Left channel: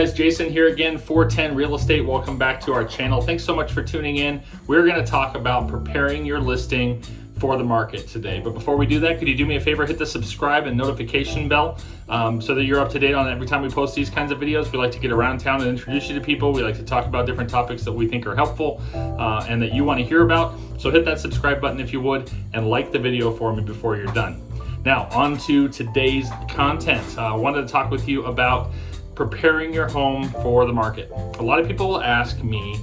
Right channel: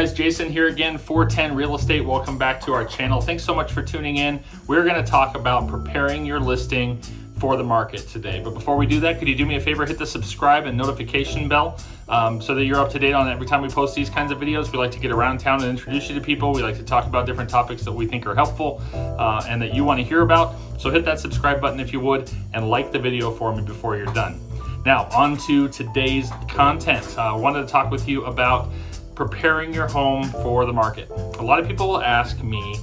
guys, Jason here again, 410 Real Estate. Welcome back to our channel. Thanks so much for tuning in. We're going to talk about preparing your listing for the market today. But before we do that, could you do me a favor, hit the subscribe and notification bell so that you're up to date on every time we post these kinds of videos. We like to get around town and introduce you to people. We like to talk about different topics that we think are helpful and that you want to hear about. So hit that subscribe button if you would, and like the video for me before you're done. Now, on to today's content. I wanted to talk with you about preparing your home for the market. A lot of people will ask me,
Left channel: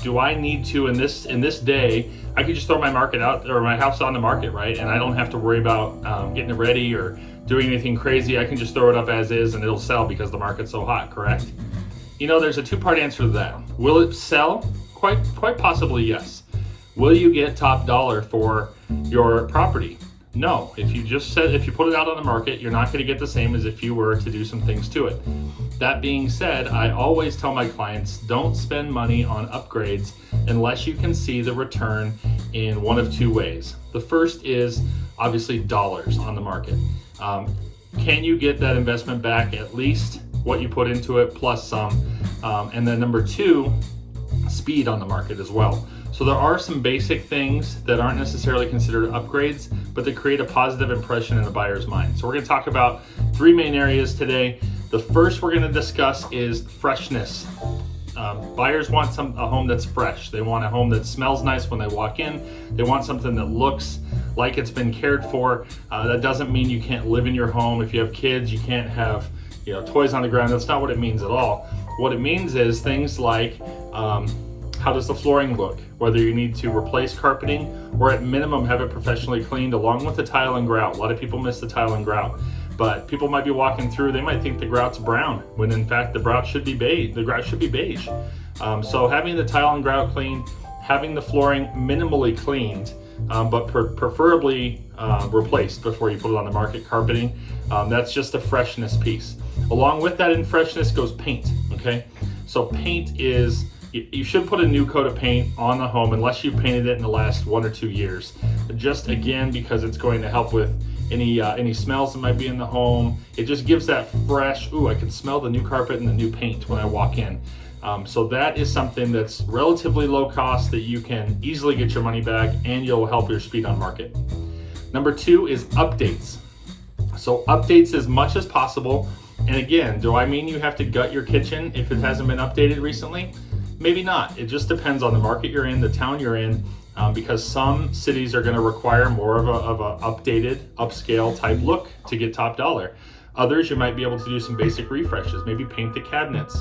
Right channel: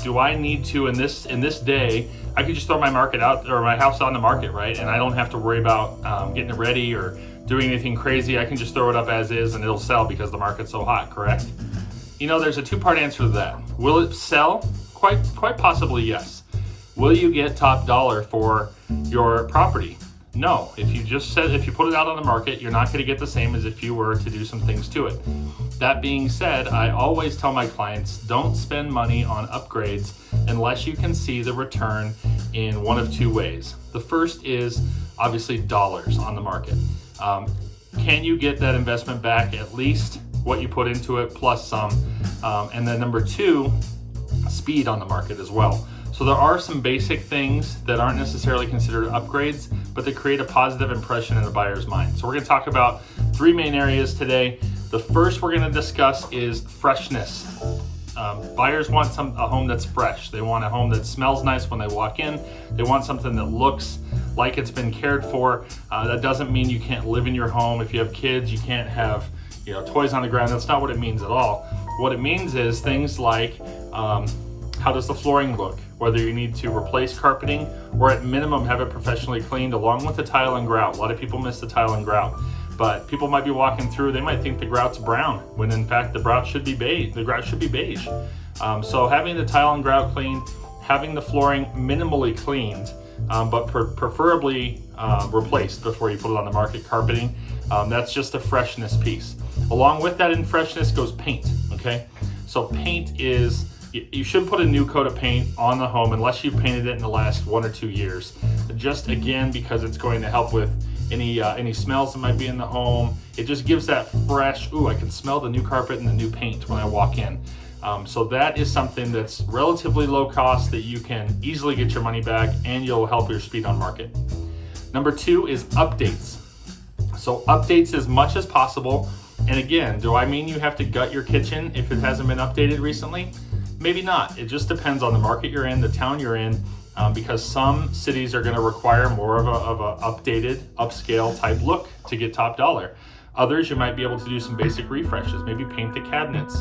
do I need to, in this day, I could just throw my market out or my house on the market, right? And I don't have to worry about getting it ready or doing anything crazy. I can just throw it up as is and it'll sell because the market's so hot, correct? You know, there's a two-part answer to that. Will it sell? Quite possibly, yes. Will you get top dollar for your property? No. If you put it out on the market, you're not going to get the same as if you were to do some things to it. That being said, I always tell my clients, don't spend money on upgrades unless you can see the return in one of two ways. The first is obviously dollars on the market. Can you get that investment back, at least what you put into it plus some? And then number two, speed on the market as well. So there are some basic things that aren't necessarily considered upgrades, but they create a positive impression in the buyer's mind. So we're going to talk about three main areas today. The first we're going to discuss is freshness. Buyers want a home that's fresh. They want a home that smells nice when they walk in. They want something that looks like it's been cared for. That doesn't mean you can't live in your home. If you have kids, you can't have toys on the ground. That's not what it means at all. What it means is things like how does the flooring look? Whether you need to replace carpeting or at minimum have it professionally cleaned along with the tile and grout. A lot of people miss the tile and grout, but people might be walking through, they might think the grout's brown when in fact the grout should be beige. So having the tile and grout cleaned, having the flooring minimally cleaned, but preferably replaced before you put it on the market, carpeting, that's just a freshness piece. Along with that in freshness goes paint, okay? So paint is, you should put a new coat of paint on the home unless you painted it in the last 1 or 2 years. Just again, because it's going to help with any smells that might be in the home. It just gives that fresh, I can smell the new carpet and the new paint when I walk in. So that is something that's relatively low cost that you can easily get your money back and you'll help your speed on market. Number two is updates. So updates as much as possible. And again, do I mean you have to gut your kitchen if it hasn't been updated recently? Maybe not. It just depends on the market you're in, the town you're in, because some cities are going to require more of a updated, upscale type look to get top dollar. Others, you might be able to do some basic refreshes, maybe paint the cabinets.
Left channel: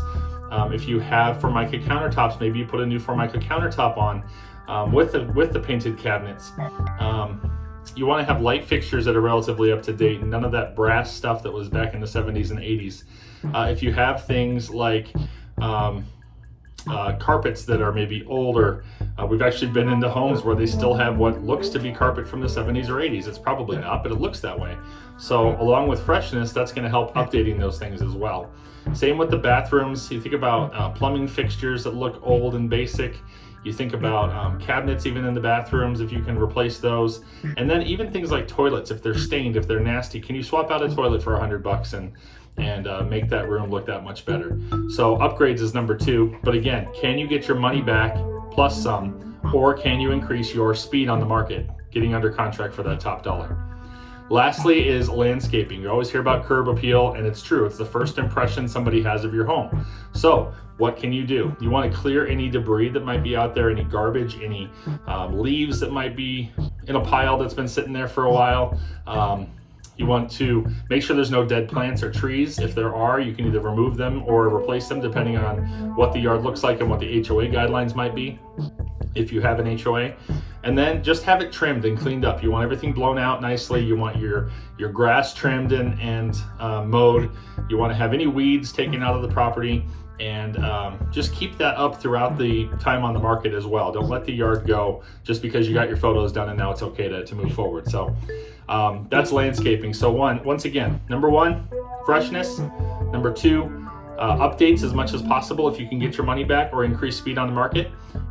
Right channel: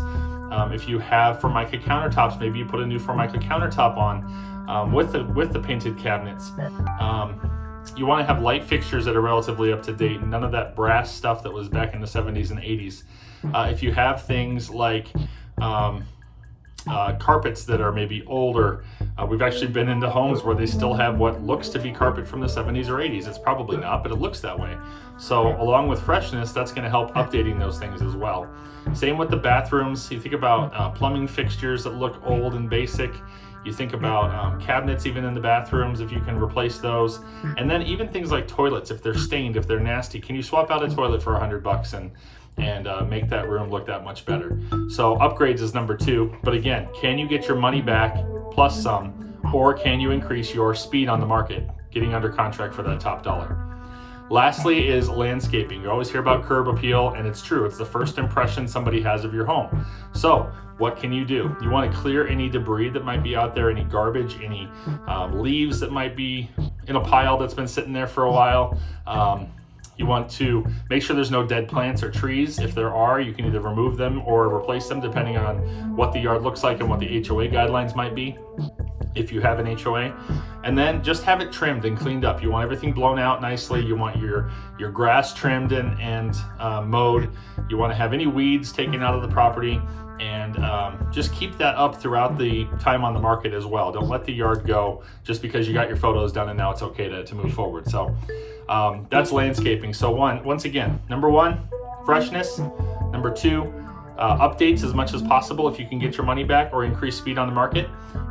If you have Formica countertops, maybe you put a new Formica countertop on with the painted cabinets. You want to have light fixtures that are relatively up to date, none of that brass stuff that was back in the 70s and 80s. If you have things like carpets that are maybe older. We've actually been into homes where they still have what looks to be carpet from the 70s or 80s. It's probably not, but it looks that way. So along with freshness, that's going to help updating those things as well. Same with the bathrooms. You think about plumbing fixtures that look old and basic. You think about cabinets even in the bathrooms, if you can replace those. And then even things like toilets, if they're stained, if they're nasty, can you swap out a toilet for $100 and make that room look that much better? So upgrades is number two. But again, can you get your money back plus some, or can you increase your speed on the market, getting under contract for that top dollar? Lastly is landscaping. You always hear about curb appeal, and it's true. It's the first impression somebody has of your home. So what can you do? You want to clear any debris that might be out there, any garbage, any leaves that might be in a pile that's been sitting there for a while. You want to make sure there's no dead plants or trees. If there are, you can either remove them or replace them depending on what the yard looks like and what the HOA guidelines might be, if you have an HOA. And then just have it trimmed and cleaned up. You want everything blown out nicely. You want your grass trimmed and mowed. You want to have any weeds taken out of the property, and just keep that up throughout the time on the market as well. Don't let the yard go just because you got your photos done and now it's okay to move forward. So that's landscaping. So once again, number one, freshness. Number two, updates as much as possible if you can get your money back or increase speed on the market.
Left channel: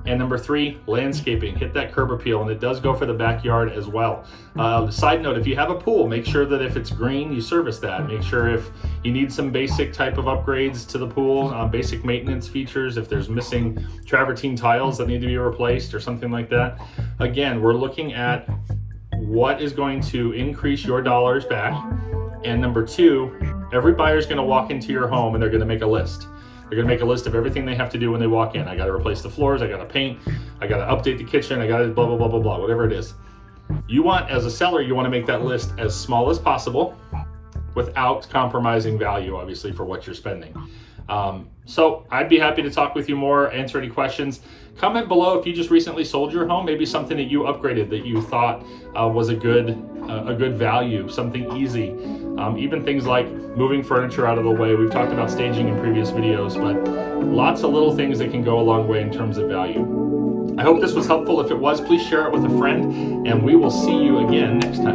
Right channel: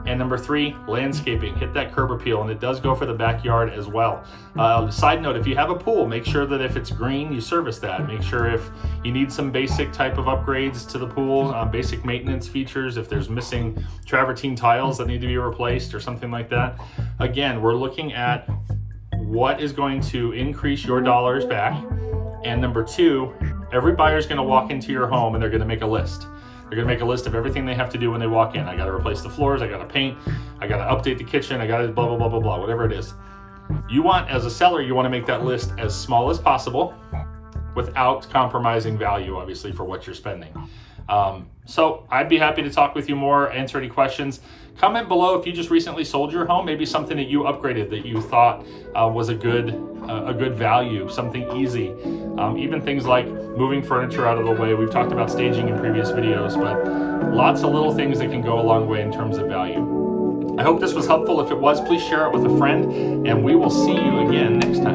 And number 3, landscaping. Hit that curb appeal, and it does go for the backyard as well. Side note, if you have a pool, make sure that if it's green, you service that. Make sure if you need some basic type of upgrades to the pool, basic maintenance features, if there's missing travertine tiles that need to be replaced or something like that. Again, we're looking at what is going to increase your dollars back. And number 2, every buyer is going to walk into your home and they're going to make a list. They're gonna make a list of everything they have to do when they walk in. I gotta replace the floors, I gotta paint, I gotta update the kitchen, I gotta blah, blah, blah, blah, blah, whatever it is. You want, as a seller, you wanna make that list as small as possible without compromising value, obviously, for what you're spending. So I'd be happy to talk with you more, answer any questions. Comment below if you just recently sold your home, maybe something that you upgraded that you thought was a good value, something easy. Even things like moving furniture out of the way. We've talked about staging in previous videos, but lots of little things that can go a long way in terms of value. I hope this was helpful. If it was, please share it with a friend, and we will see you again next time.